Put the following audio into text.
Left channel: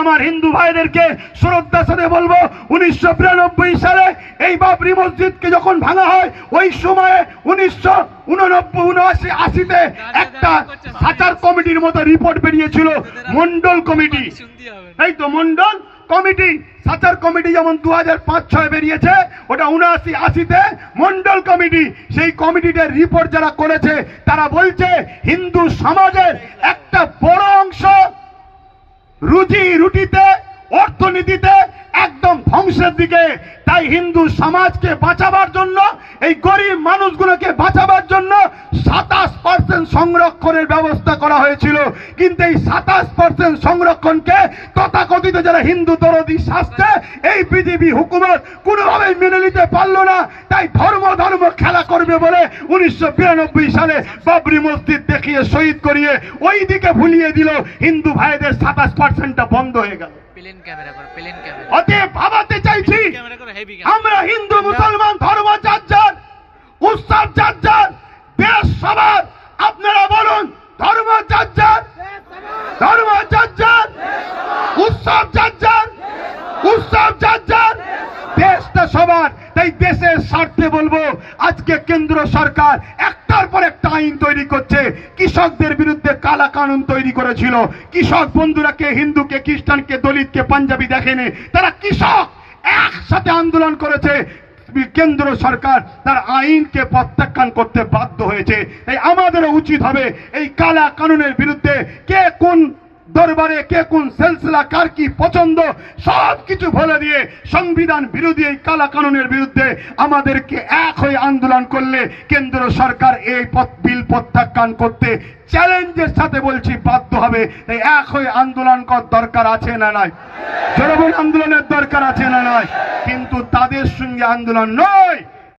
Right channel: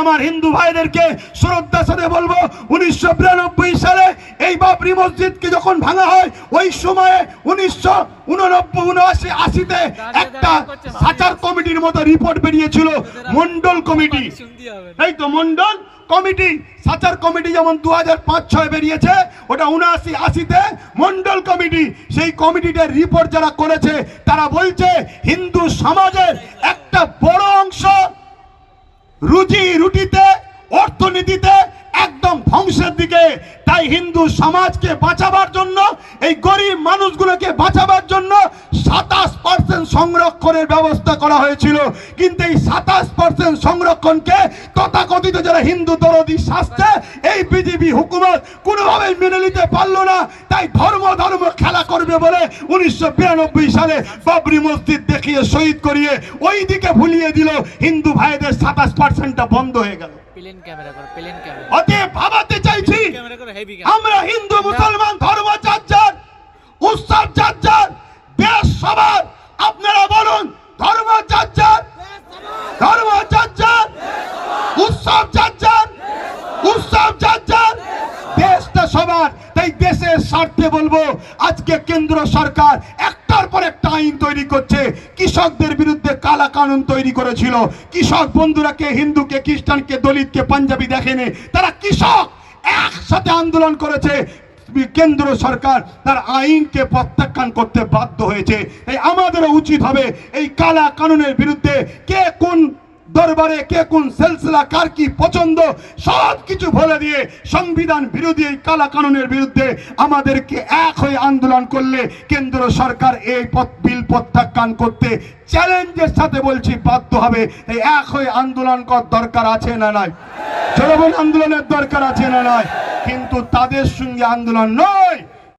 আমার হিন্দু ভাইদেরকে শ্রদ্ধার সাথে বলবো, 1992 সালে এই বাবরি মসজিদকে যখন ভাঙা হয়, ওই সময়ে 1989-80-তে একটা সাচার কমিটির মতো রিপোর্ট বেরিয়েছিল, মন্ডল কমিটি। এই তো মন্ডল কমিটি, সাচার কমিটি যেমন 2005-06 বেরিয়েছে, ওটা 79-80-তে মন্ডল কমিটি। সেই কমিটিটার রিপোর্ট যারা করেছে তারা বলছে হিন্দু সমাজের একটা বড় অংশ রুজি রুটিতে, অর্থনীতিতে একদম ধ্বংসের দিকে। তাই হিন্দু সমাজকে বাঁচাবার জন্য, এই গরিব মানুষগুলোকে বাঁচাবার জন্য 27% সংরক্ষণের ব্যবস্থা করা হয়েছিল। কিন্তু এই 27% সংরক্ষণকে তথাকথিত যারা হিন্দু দরদি শাস্ত্রে এই বিজেপি হুকুমত কোনোভাবেই মেনে নিতে পারলো না। তাই ধর্ম খেলা করবে বলে 1992 সালে বাবরি মসজিদ দেখিয়ে শহীদ করিয়ে ওই দিকে ভুলিয়ে দিল, হিন্দু ভাইদের 27%টা বন্ধ হয়ে গেল। অতএব ভাবাতে চাইছি, আমরা হিন্দু মুসলমান ধর্ম যার যার, উৎসব যার যার, দেশ সবার। আপনারা বলুন, ধর্ম যার যার, ধর্ম যার যার, উৎসব যার যার, উৎসব যার যার, দেশটা সবার। তাই দেশের স্বার্থে বলবো, আজকে কেন্দ্র সরকার একটার পর একটা আইন তৈরি করছে। কৃষকদের বিরুদ্ধে কালা কানুন তৈরি করেছিল। কৃষক বন্ধুরাকে, হিন্দুকে, খ্রিস্টানকে, দলিতকে, পাঞ্জাবি দেখেনি, তারা কৃষক একসাথে আন্দোলন করেছে। কেন্দ্র সরকার তার আইনকে প্রত্যাখ্যান করতে বাধ্য হয়েছে। তাই আমাদেরও উচিত হবে এই কালা কানুনের বিরুদ্ধে, কে কোন দরবারে, কে কোন সিলসিলা, কার কি পছন্দ, সব কিছু বলে দিয়ে সংবিধান বিরোধী এই কালা কানুনের বিরুদ্ধে আমাদেরকে এক হয়ে আন্দোলন করলে কেন্দ্র সরকার এই বিল প্রত্যাখ্যান করতে চ্যালেঞ্জের সাথে বলছি বাধ্য হবে। তাই এক হয়ে আন্দোলন করার দরকার আছে না নাই? জনগণ আন্দোলনের দরকার আছে না নাই? কিন্তু তাদের সঙ্গে আন্দোলন নয়।